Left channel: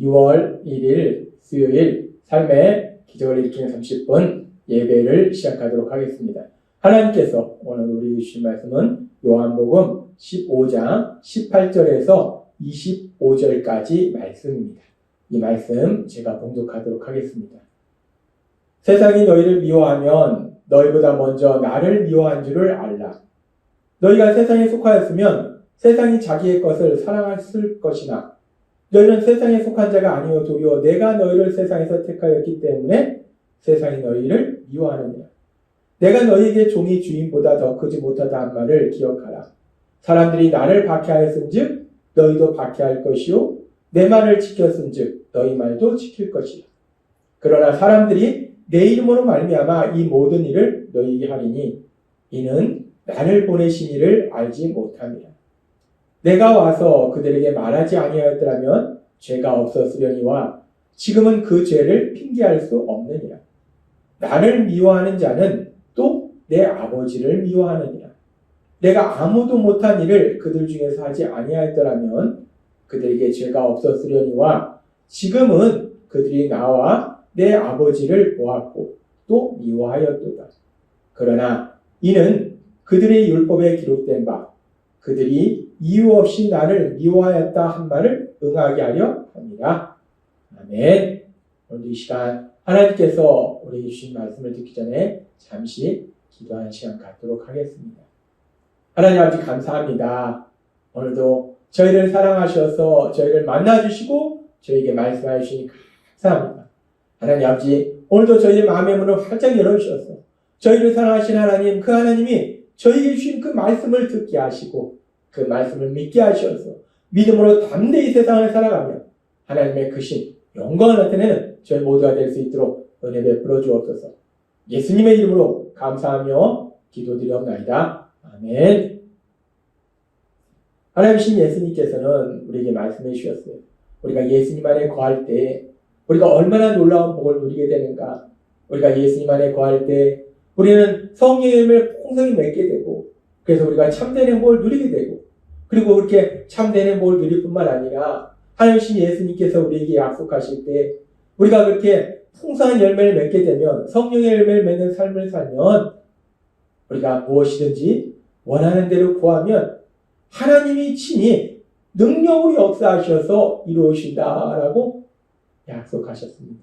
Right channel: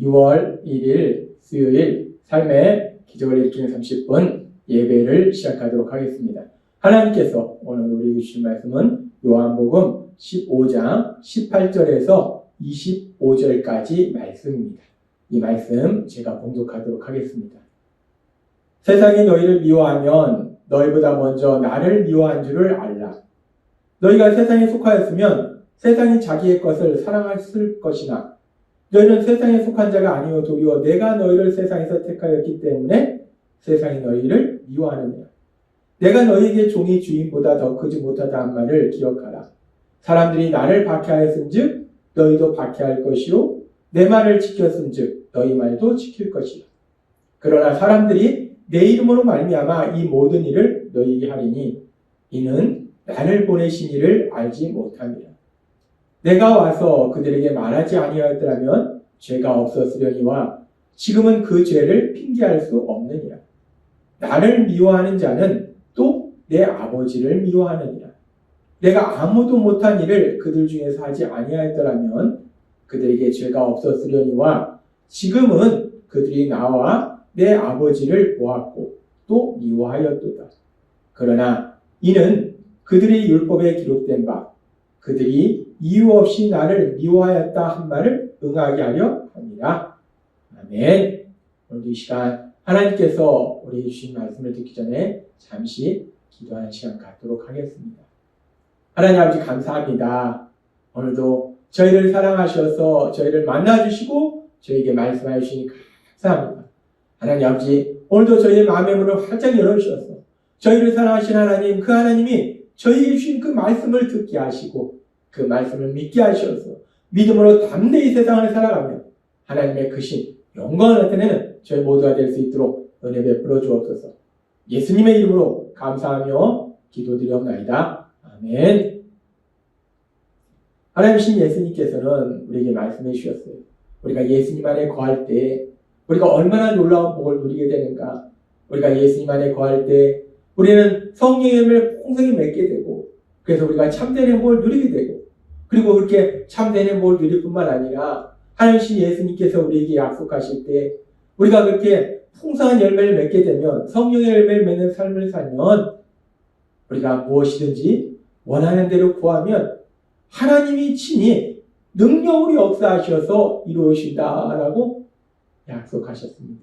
2월 1일 수요일 삶의 기적을 일으키는 30분 예배를 시작하도록 하겠습니다. 하나님께서 오늘 우리에게 주신 말씀은 요한복음 15장 18절에서 25절까지 말씀입니다. 이 말씀 제가 봉독하도록 하겠습니다. 세상이 너희를 미워하면 너희보다 먼저 나를 미워한 줄을 알라. 너희가 세상에 속하였으면 세상이 자기의 것을 사랑했을 것이나 너희는 세상에 속한 자가 아니오 도리어 내가 너희를 세상에서 택하였기 때문에 세상이 너희를 미워하느니라. 내가 너희에게 종이 주인보다 더 크지 못하다 한 말을 기억하라. 사람들이 나를 박해하였은즉 너희도 박해할 것이요 내 말을 지켰은즉 너희 말도 지킬 것이요. 그러나 사람들이 내 이름으로 말미암아 이 모든 일을 너희에게 하리니 이는 나를 보내신 이를 알지 못함이라. 내가 와서 그들에게 말하지 아니하였더라면 죄가 없었으려니와 지금은 그 죄를 핑계할 수 없느니라. 나를 미워하는 자는 또 내 아버지를 미워하느니라. 내가 아무도 못한 일을 그들 중에서 하지 아니하였더라면 그들에게 죄가 없었으려니와 지금은 그들이 나와 내 아버지를 보았고 또 미워하였도다. 그러나 이는 그들의 율법에 기록된 바 그들이 이유 없이 나를 미워하였다 한 말을 응하게 하려 합니다. 아멘. 오늘 이 시간 하나님께서 우리에게 주신 말씀을 듣기 전에 잠시 기도하는 시간 갖도록 하겠습니다. 하나님 아버지 감사합니다. 오늘도 저희를 사랑하셔서 저희를 만나주시고 저희에게 말씀해 주시니 감사합니다. 하나님 아버지 오늘도 저희의 마음의 문을 활짝 열어주셔서 저희를 사랑하신 하나님 그 하나님이 저희에게 주신 그 말씀을 듣게 하시고 그 말씀을 믿게 하셔서 믿음으로 담대히 세상을 살아가며 하나님의 크신 영광을 나타내는 저희 모두가 될 수 있도록 은혜 베풀어 주옵소서. 예수님의 이름으로 감사하며 기도드리옵나이다. 아멘. 하나님이신 예수님께서는 우리에게 말씀해 주셨어요. 우리가 예수님 안에 거할 때 우리가 얼마나 놀라운 복을 누리게 되는가. 우리가 예수님 안에 거할 때 우리는 성령의 열매를 풍성히 맺게 되고 그래서 우리가 참된 행복을 누리게 되고 그리고 그렇게 참된 행복을 누릴 뿐만 아니라 하나님이신 예수님께서 우리에게 약속하실 때 우리가 그렇게 풍성한 열매를 맺게 되면 성령의 열매를 맺는 삶을 살면 우리가 무엇이든지 원하는 대로 구하면 하나님이 친히 능력으로 역사하셔서 이루어진다라고 약속하셨습니다.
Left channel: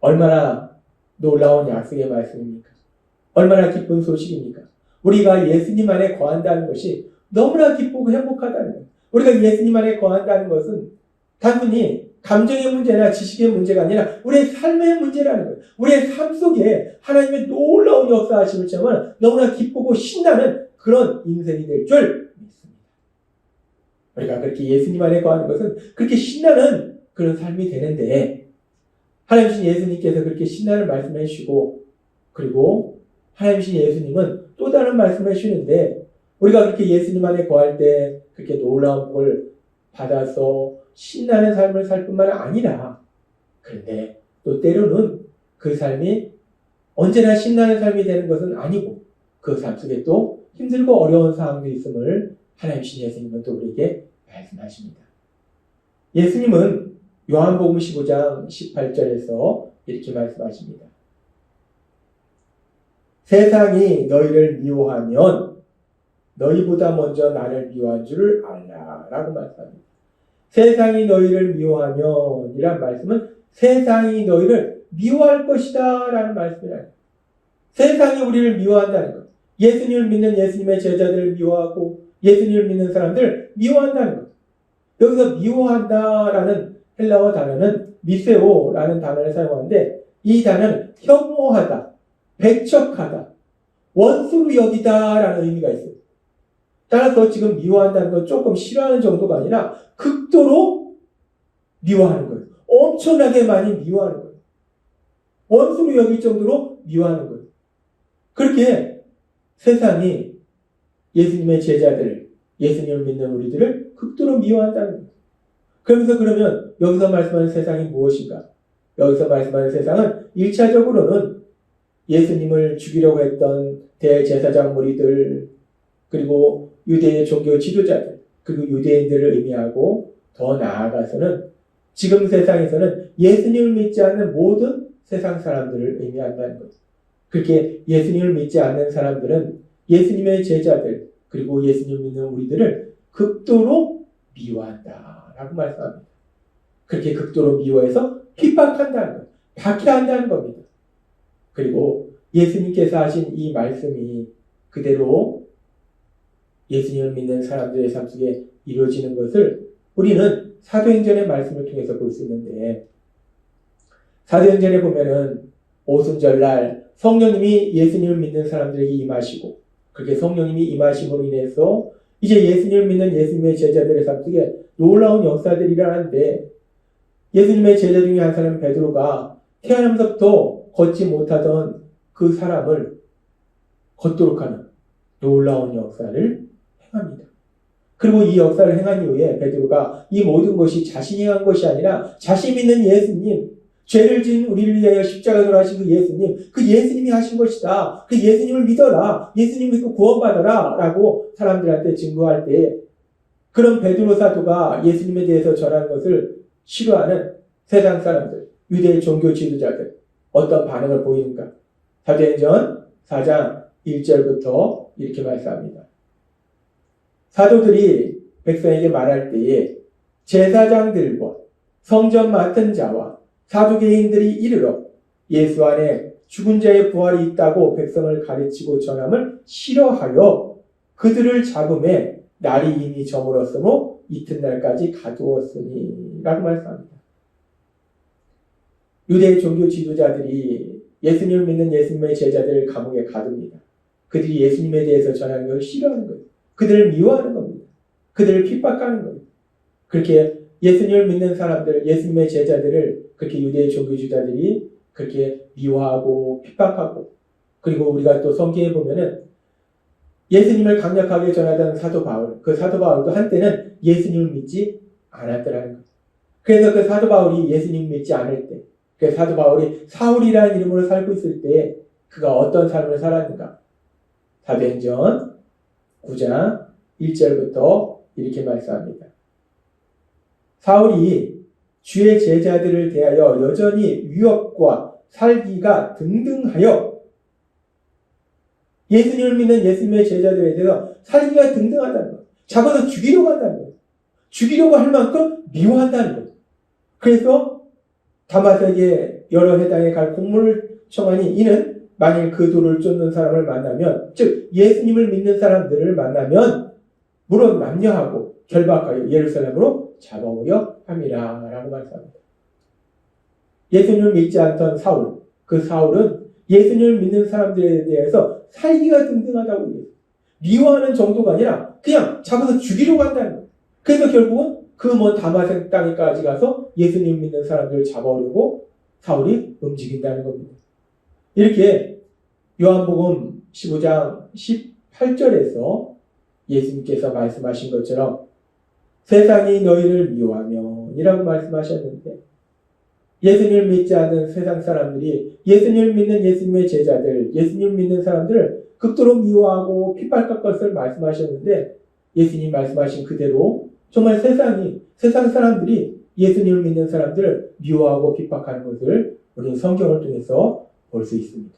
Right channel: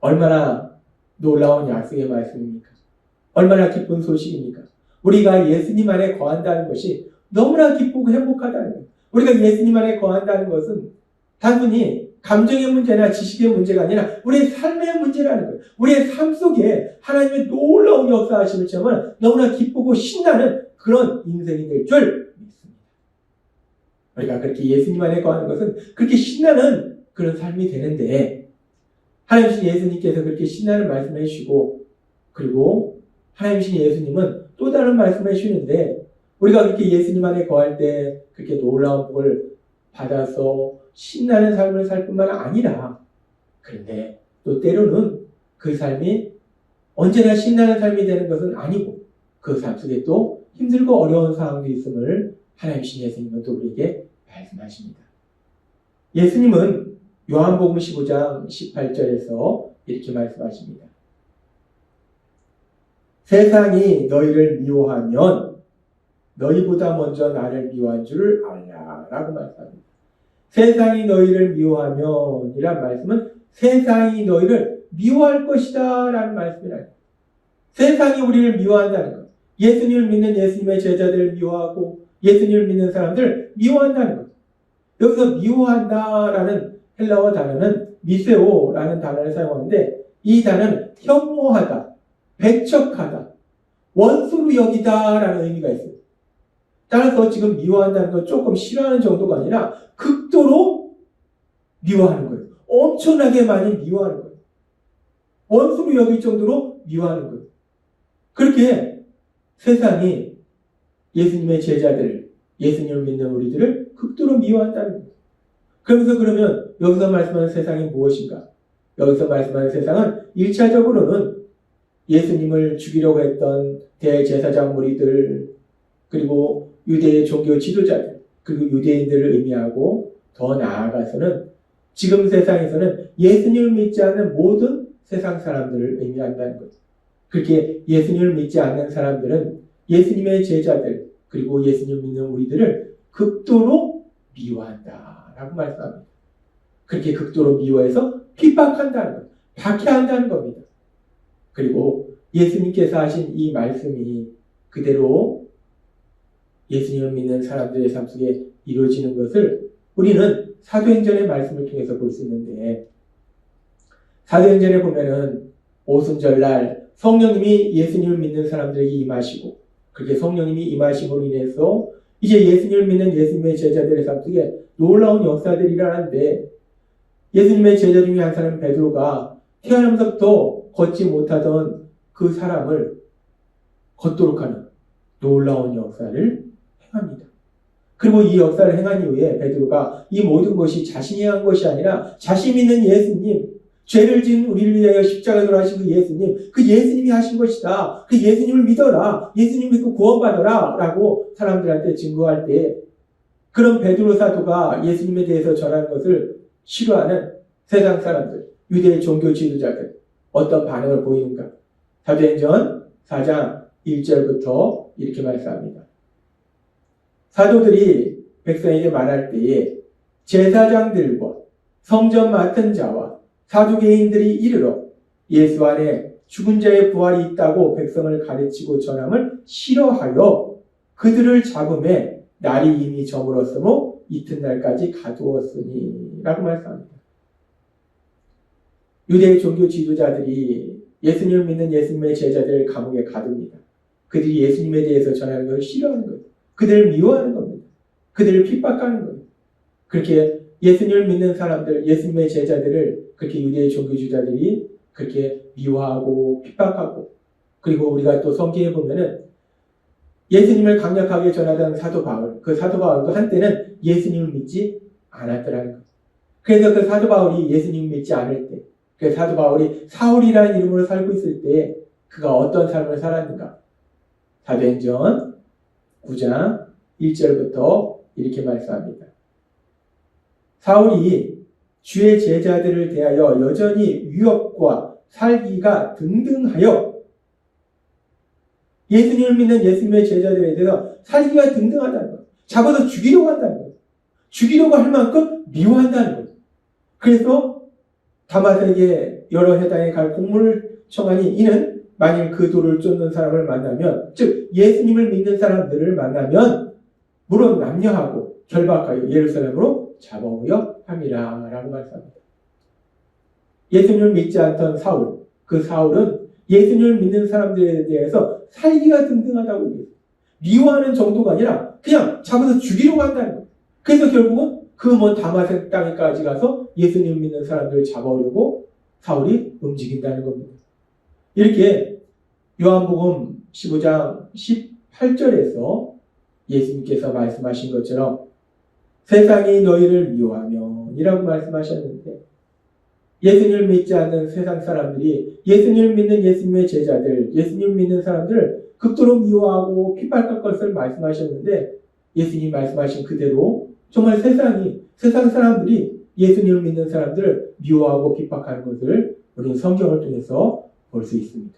얼마나 놀라운 약속의 말씀입니까? 얼마나 기쁜 소식입니까? 우리가 예수님 안에 거한다는 것이 너무나 기쁘고 행복하다는 거예요. 우리가 예수님 안에 거한다는 것은 단순히 감정의 문제나 지식의 문제가 아니라 우리의 삶의 문제라는 거예요. 우리의 삶 속에 하나님의 놀라운 역사하심을 참으면 너무나 기쁘고 신나는 그런 인생이 될 줄 믿습니다. 우리가 그렇게 예수님 안에 거하는 것은 그렇게 신나는 그런 삶이 되는데 하나님이신 예수님께서 그렇게 신나는 말씀을 해주시고 그리고 하나님이신 예수님은 또 다른 말씀을 해주시는데 우리가 그렇게 예수님 안에 거할 때 그렇게 놀라운 복을 받아서 신나는 삶을 살 뿐만 아니라 그런데 또 때로는 그 삶이 언제나 신나는 삶이 되는 것은 아니고 그 삶 속에 또 힘들고 어려운 상황도 있음을 하나님이신 예수님은 또 우리에게 말씀하십니다. 예수님은 요한복음 15장 18절에서 이렇게 말씀하십니다. 세상이 너희를 미워하면 너희보다 먼저 나를 미워한 줄을 알라 라고 말씀합니다. 세상이 너희를 미워하면 이란 말씀은 세상이 너희를 미워할 것이다 라는 말씀이에요. 세상이 우리를 미워한다는 것. 예수님을 믿는 예수님의 제자들을 미워하고 예수님을 믿는 사람들을 미워한다는 것. 여기서 미워한다라는 헬라어 단어는 미세오라는 단어를 사용하는데 이 단어는 혐오하다, 배척하다, 원수로 여기다라는 의미가 있어요. 따라서 지금 미워한다는 건 조금 싫어하는 정도가 아니라 극도로 미워하는 거예요. 엄청나게 많이 미워하는 거예요. 원수로 여길 정도로 미워하는 거예요. 그렇게 세상이 예수님의 제자들, 예수님을 믿는 우리들을 극도로 미워한다는 거예요. 그러면서 그러면 여기서 말씀하는 세상이 무엇인가? 여기서 말씀하는 세상은 1차적으로는 예수님을 죽이려고 했던 대제사장 무리들 그리고 유대의 종교 지도자들 그리고 유대인들을 의미하고 더 나아가서는 지금 세상에서는 예수님을 믿지 않는 모든 세상 사람들을 의미한다는 것. 그렇게 예수님을 믿지 않는 사람들은 예수님의 제자들 그리고 예수님 믿는 우리들을 극도로 미워한다라고 말씀합니다. 그렇게 극도로 미워해서 핍박한다는 것, 박해한다는 겁니다. 그리고 예수님께서 하신 이 말씀이 그대로 예수님을 믿는 사람들의 삶 속에 이루어지는 것을 우리는 사도행전의 말씀을 통해서 볼 수 있는데, 사도행전에 보면은 오순절날 성령님이 예수님을 믿는 사람들에게 임하시고, 그렇게 성령님이 임하심으로 인해서 이제 예수님을 믿는 예수님의 제자들의 삶 속에 놀라운 역사들이 일어나는데, 예수님의 제자 중에 한 사람 베드로가 태어나면서부터 걷지 못하던 그 사람을 걷도록 하는 놀라운 역사를 행합니다. 그리고 이 역사를 행한 이후에 베드로가 이 모든 것이 자신이 한 것이 아니라 자신 믿는 예수님, 죄를 지은 우리를 위하여 십자가에 돌아가신 그 예수님이 하신 것이다. 그 예수님을 믿어라. 예수님 믿고 구원받아라. 라고 사람들한테 증거할 때 그런 베드로 사도가 예수님에 대해서 전하는 것을 싫어하는 세상 사람들, 유대의 종교 지도자들 어떤 반응을 보이는가? 사도행전 4장 1절부터 이렇게 말씀합니다. 사도들이 백성에게 말할 때에 제사장들과 성전 맡은 자와 사두개인들이 이르러 예수 안에 죽은 자의 부활이 있다고 백성을 가르치고 전함을 싫어하여 그들을 잡음에 날이 이미 저물었으므로 이튿날까지 가두었으니 라고 말씀합니다. 유대의 종교 지도자들이 예수님을 믿는 예수님의 제자들을 감옥에 가둡니다. 그들이 예수님에 대해서 전하는 것을 싫어하는 거예요. 그들을 미워하는 겁니다. 그들을 핍박하는 겁니다. 그렇게 예수님을 믿는 사람들, 예수님의 제자들을 그렇게 유대의 종교주의자들이 그렇게 미워하고 핍박하고, 그리고 우리가 또 성경에 보면은 예수님을 강력하게 전하던 사도 바울, 그 사도 바울도 한때는 예수님을 믿지 않았더라는 거예요. 그래서 그 사도 바울이 예수님을 믿지 않을 때, 그 사도 바울이 사울이라는 이름으로 살고 있을 때 그가 어떤 삶을 살았는가? 사도행전 9장 1절부터 이렇게 말씀합니다. 사울이 주의 제자들을 대하여 여전히 위협과 살기가 등등하여, 예수님을 믿는 예수님의 제자들에 대해서 살기가 등등하다는 것, 잡아서 죽이려고 한다는 것, 죽이려고 할 만큼 미워한다는 것. 그래서 다마섹에 여러 회당에 갈 공문을 청하니 이는 만일 그 돌을 쫓는 사람을 만나면, 즉 예수님을 믿는 사람들을 만나면 물론 남녀하고 결박하여 예루살렘으로 잡아오려 함이라 라고 말씀합니다. 예수님을 믿지 않던 사울, 그 사울은 예수님을 믿는 사람들에 대해서 살기가 등등하다고 얘기해요. 미워하는 정도가 아니라 그냥 잡아서 죽이려고 한다는 거예요. 그래서 결국은 그 먼 다마섹 땅에까지 가서 예수님 믿는 사람들을 잡아오려고 사울이 움직인다는 겁니다. 이렇게 요한복음 15장 18절에서 예수님께서 말씀하신 것처럼 세상이 너희를 미워하며 이라고 말씀하셨는데, 예수님을 믿지 않는 세상 사람들이 예수님을 믿는 예수님의 제자들, 예수님을 믿는 사람들을 극도로 미워하고 핍박할 것을 말씀하셨는데, 예수님 말씀하신 그대로 정말 세상 사람들이 예수님을 믿는 사람들을 미워하고 핍박하는 것을 우리 성경을 통해서 볼 수 있습니다.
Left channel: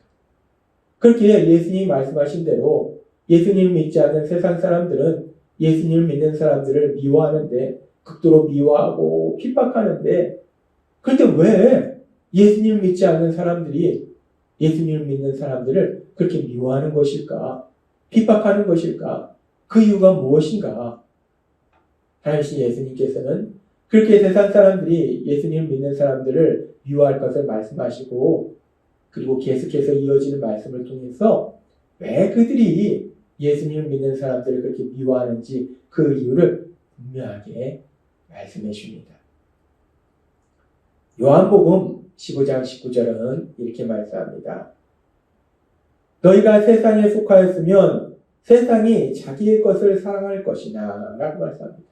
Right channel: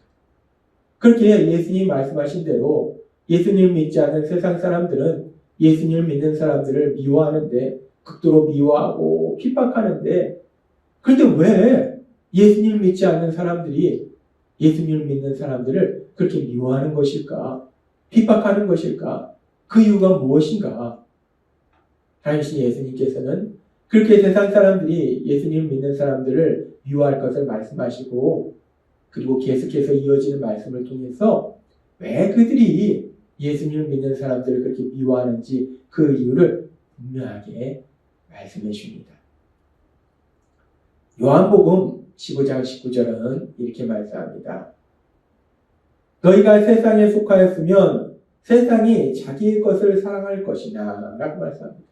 그렇게 예수님이 말씀하신 대로 예수님을 믿지 않는 세상 사람들은 예수님을 믿는 사람들을 미워하는데, 극도로 미워하고 핍박하는데, 그런데 왜 예수님을 믿지 않는 사람들이 예수님을 믿는 사람들을 그렇게 미워하는 것일까? 핍박하는 것일까? 그 이유가 무엇인가? 당시 예수님께서는 그렇게 세상 사람들이 예수님을 믿는 사람들을 미워할 것을 말씀하시고, 그리고 계속해서 이어지는 말씀을 통해서 왜 그들이 예수님을 믿는 사람들을 그렇게 미워하는지 그 이유를 분명하게 말씀해 줍니다. 요한복음 15장 19절은 이렇게 말씀합니다. 너희가 세상에 속하였으면 세상이 자기의 것을 사랑할 것이나 라고 말씀합니다.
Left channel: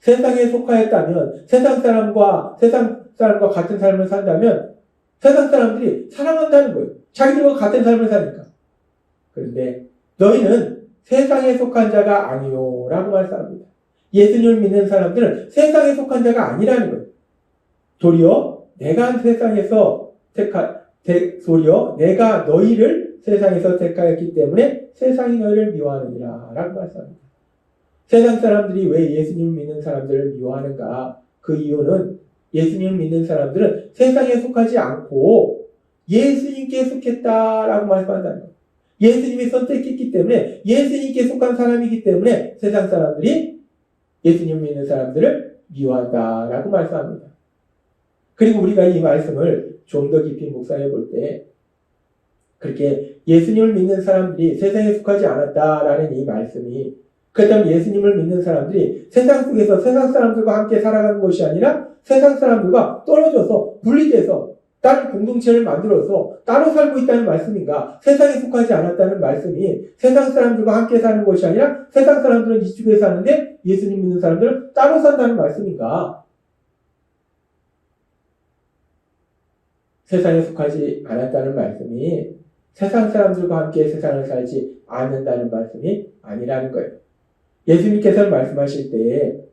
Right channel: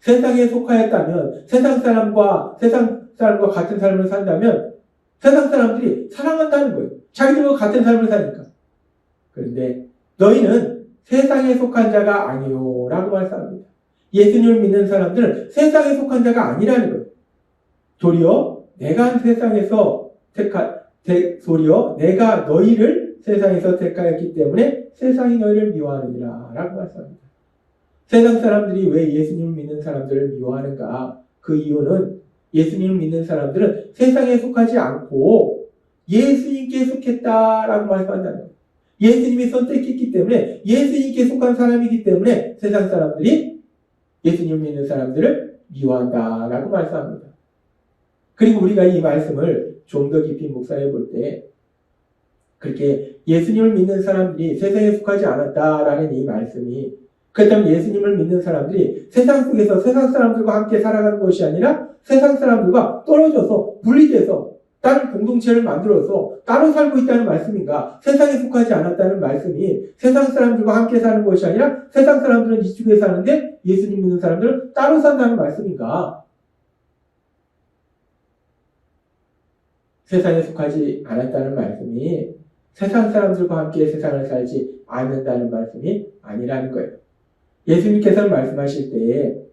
세상에 속하였다면, 세상 사람과 같은 삶을 산다면 세상 사람들이 사랑한다는 거예요. 자기들과 같은 삶을 사니까. 그런데 너희는 세상에 속한 자가 아니요 라고 말씀합니다. 예수님을 믿는 사람들은 세상에 속한 자가 아니라는 거예요. 도리어 내가 세상에서 도리어 내가 너희를 세상에서 택하였기 때문에 세상이 너희를 미워하느니라 라고 말씀합니다. 세상 사람들이 왜 예수님을 믿는 사람들을 미워하는가? 그 이유는 예수님을 믿는 사람들은 세상에 속하지 않고 예수님께 속했다라고 말씀한다는 거예요. 예수님이 선택했기 때문에 예수님께 속한 사람이기 때문에 세상 사람들이 예수님을 믿는 사람들을 미워한다라고 말씀합니다. 그리고 우리가 이 말씀을 좀 더 깊이 묵상해 볼 때 그렇게 예수님을 믿는 사람들이 세상에 속하지 않았다라는 이 말씀이 그렇다면 예수님을 믿는 사람들이 세상 속에서 세상 사람들과 함께 살아가는 것이 아니라 세상 사람들과 떨어져서 분리돼서 다른 공동체를 만들어서 따로 살고 있다는 말씀인가? 세상에 속하지 않았다는 말씀이 세상 사람들과 함께 사는 것이 아니라 세상 사람들은 이쪽에 사는데 예수님 믿는 사람들은 따로 산다는 말씀인가? 세상에 속하지 않았다는 말씀이 세상 사람들과 함께 세상을 살지 않는다는 말씀이 아니라는 거예요. 예수님께서는 말씀하실 때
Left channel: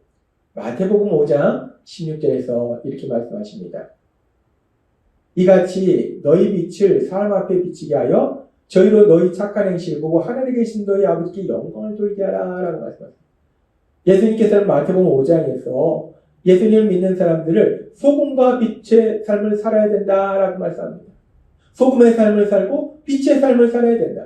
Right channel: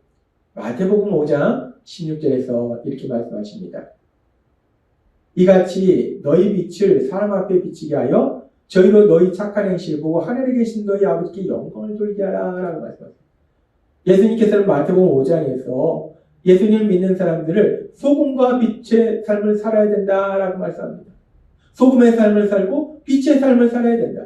마태복음 5장 16절에서 이렇게 말씀하십니다. 이같이 너희 빛을 사람 앞에 비치게 하여 저희로 너희 착한 행실을 보고 하늘에 계신 너희 아버지께 영광을 돌게 하라 라고 말씀합니다. 예수님께서는 마태복음 5장에서 예수님을 믿는 사람들을 소금과 빛의 삶을 살아야 된다라고 말씀합니다. 소금의 삶을 살고 빛의 삶을 살아야 된다.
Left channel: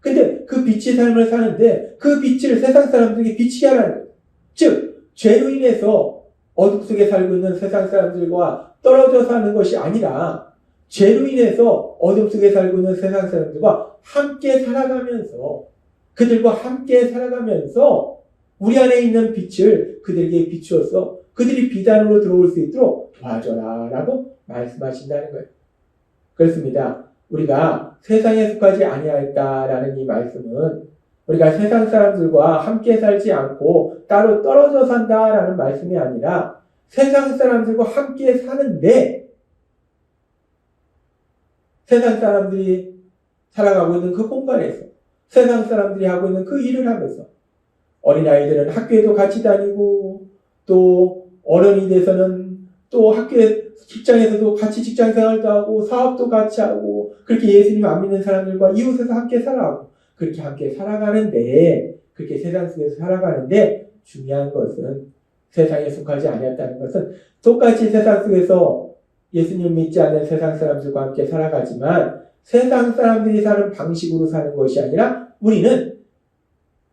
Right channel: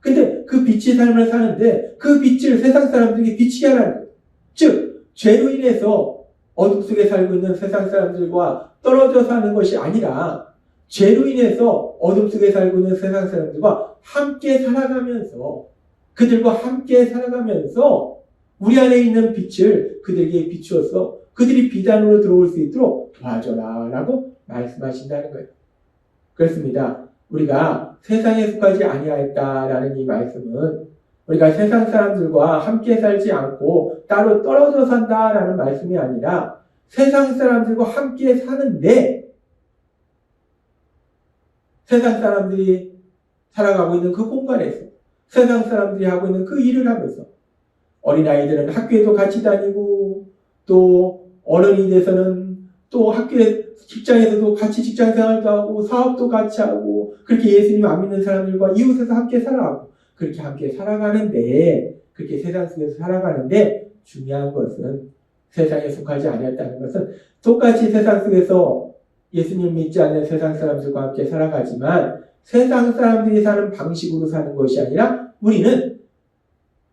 근데 그 빛의 삶을 사는데 그 빛을 세상 사람들에게 비치게 하라는 거예요. 즉 죄로 인해서 어둠 속에 살고 있는 세상 사람들과 떨어져 사는 것이 아니라 죄로 인해서 어둠 속에 살고 있는 세상 사람들과 함께 살아가면서 그들과 함께 살아가면서 우리 안에 있는 빛을 그들에게 비추어서 그들이 빛 안으로 들어올 수 있도록 도와줘라 라고 말씀하신다는 거예요. 그렇습니다. 우리가 세상에 속하지 아니하였다라는 이 말씀은 우리가 세상 사람들과 함께 살지 않고 따로 떨어져 산다라는 말씀이 아니라 세상 사람들과 함께 사는데 세상 사람들이 살아가고 있는 그 공간에서 세상 사람들이 하고 있는 그 일을 하면서 어린아이들은 학교에도 같이 다니고 또 어른이 돼서는 또 학교에 직장에서도 같이 직장 생활도 하고 사업도 같이 하고 그렇게 예수님 안 믿는 사람들과 이웃에서 함께 살아가고 그렇게 함께 살아가는데 그렇게 세상 속에서 살아가는데 중요한 것은 세상에 속하지 않았다는 것은 똑같이 세상 속에서 예수님 믿지 않는 세상 사람들과 함께 살아가지만 세상 사람들이 사는 방식으로 사는 것이 아니라 우리는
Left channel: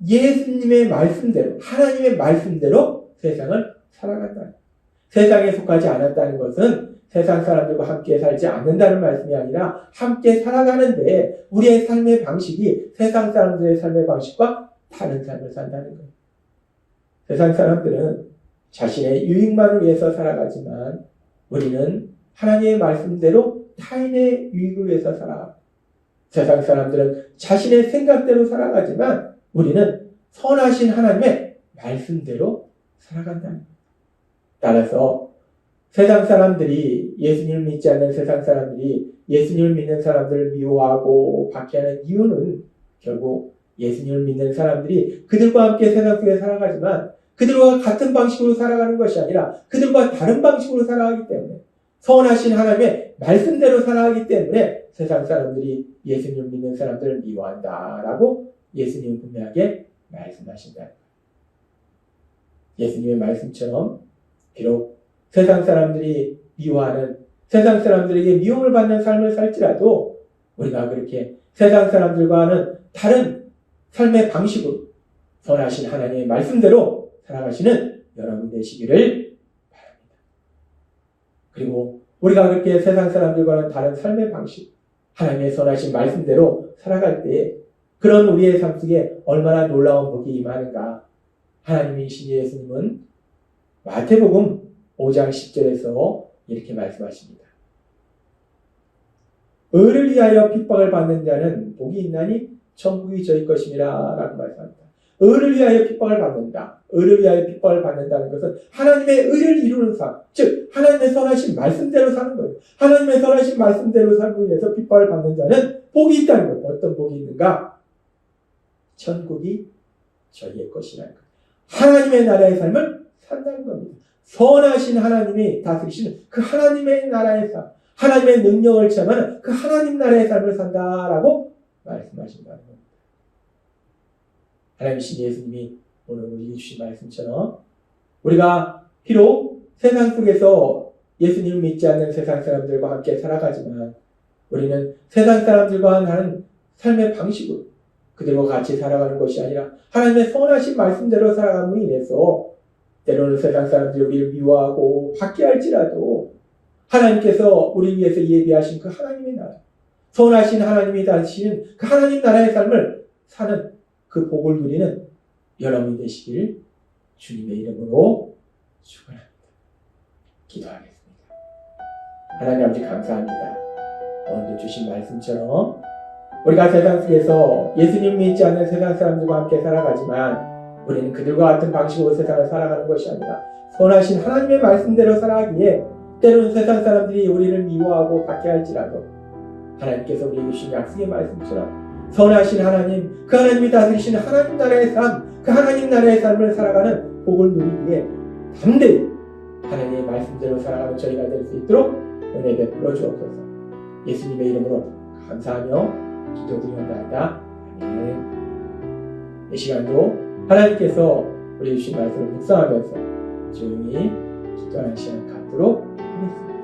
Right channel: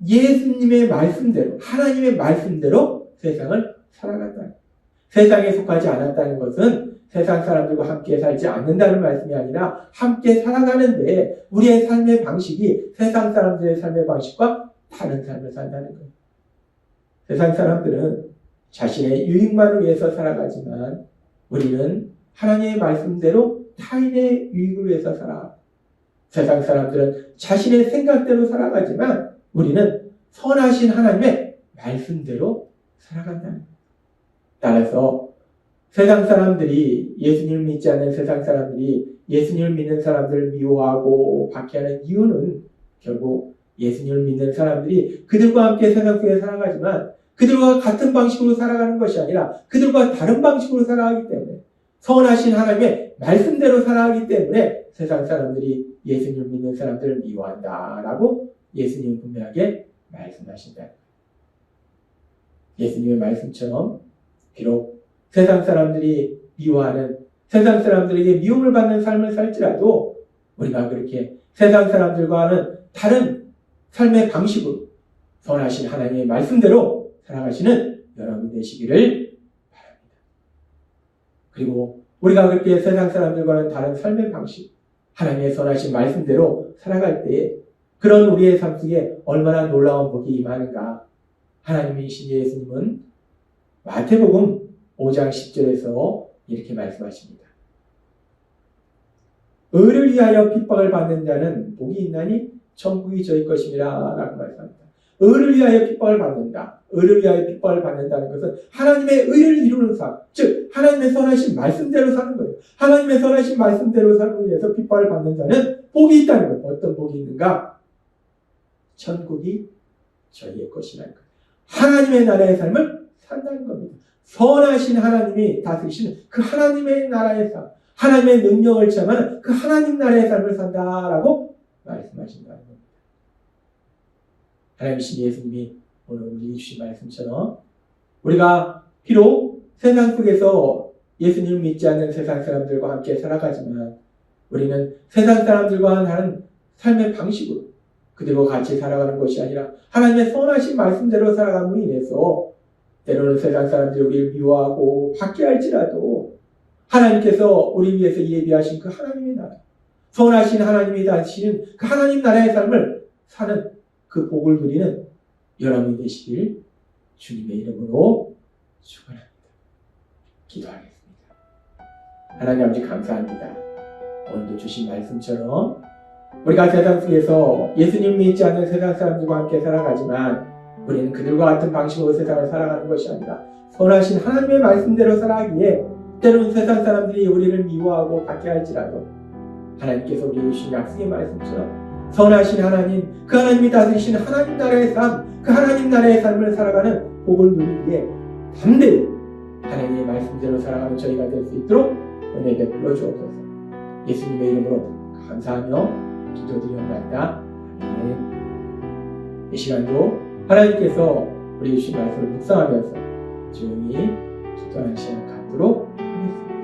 예수님의 말씀대로 하나님의 말씀대로 세상을 살아간다. 세상에 속하지 않았다는 것은 세상 사람들과 함께 살지 않는다는 말씀이 아니라 함께 살아가는데 우리의 삶의 방식이 세상 사람들의 삶의 방식과 다른 삶을 산다는 거예요. 세상 사람들은 자신의 유익만을 위해서 살아가지만 우리는 하나님의 말씀대로 타인의 유익을 위해서 살아가고 세상 사람들은 자신의 생각대로 살아가지만 우리는 선하신 하나님의 말씀대로 살아간다는 거예요. 따라서 세상 사람들이 예수님을 믿지 않는 세상 사람들이 예수님을 믿는 사람들을 미워하고 박해하는 이유는 결국 예수님을 믿는 사람들이 그들과 함께 세상 속에 살아가지만 그들과 같은 방식으로 살아가는 것이 아니라 그들과 다른 방식으로 살아가기 때문에 선하신 하나님의 말씀대로 살아가기 때문에 세상 사람들이 예수님을 믿는 사람들을 미워한다라고 예수님이 분명하게 말씀하신다. 예수님의 말씀처럼 비록 세상 사람들이 미워하는 세상 사람들에게 미움을 받는 삶을 살지라도 우리가 그렇게 세상 사람들과는 다른 삶의 방식으로 선하신 하나님의 말씀대로 살아가시는 여러분 되시기를 바랍니다. 그리고 우리가 그렇게 세상 사람들과는 다른 삶의 방식 하나님의 선하신 말씀대로 살아갈 때 그런 우리의 삶 속에 얼마나 놀라운 복이 임하는가. 하나님이신 예수님은 마태복음 5장 10절에서 이렇게 말씀하십니다. 의를 위하여 핍박을 받는 자는 복이 있나니 천국이 저희 것임이라 라고 말씀합니다. 의를 위하여 핍박을 받는다. 의를 위하여 핍박을 받는다는 것은 하나님의 의를 이루는 삶, 즉 하나님의 선하신 말씀대로 사는 거예요. 하나님의 선하신 말씀대로 살고 위해서 핍박을 받는 자는 복이 있다는 거예요. 어떤 복이 있는가? 천국이 저희의 것이라는 거예요. 하나님의 나라의 삶을 산다는 겁니다. 선하신 하나님이 다스리시는 그 하나님의 나라의 삶, 하나님의 능력을 체험하는 그 하나님 나라의 삶을 산다라고 말씀하신다는 겁니다. 하나님이신 예수님이 오늘 우리 주신 말씀처럼 우리가 비록 세상 속에서 예수님을 믿지 않는 세상 사람들과 함께 살아가지만 우리는 세상 사람들과 하는 삶의 방식으로 그들과 같이 살아가는 것이 아니라 하나님의 선하신 말씀대로 살아감으로 인해서 때로는 세상 사람들이 우리를 미워하고 받게 할지라도 하나님께서 우리 위해서 예비하신 그 하나님의 나라, 선하신 하나님이 다스리는 그 하나님 나라의 삶을 사는 그 복을 누리는 여러분이 되시길 주님의 이름으로 축원합니다. 기도하겠습니다. 하나님 아버지 감사합니다. 오늘도 주신 말씀처럼 우리가 세상 속에서 예수님 믿지 않는 세상 사람들과 함께 살아가지만 우리는 그들과 같은 방식으로 세상을 살아가는 것이 아니라 선하신 하나님의 말씀대로 살아가기에 때로는 세상 사람들이 우리를 미워하고 받게 할지라도 하나님께서 우리에게 주신 약속의 말씀처럼 선하신 하나님, 그 하나님이 다스리시는 하나님 나라의 삶, 그 하나님 나라의 삶을 살아가는 복을 누리기에 담대히 하나님의 말씀대로 살아가는 저희가 될 수 있도록 은혜 베풀어 주옵소서. 예수님의 이름으로 감사하며 기도드리옵나이다. 아멘. 이 시간도 하나님께서 우리 주신 말씀을 묵상하면서 조용히 기도하는 시간 갖도록 하겠습니다.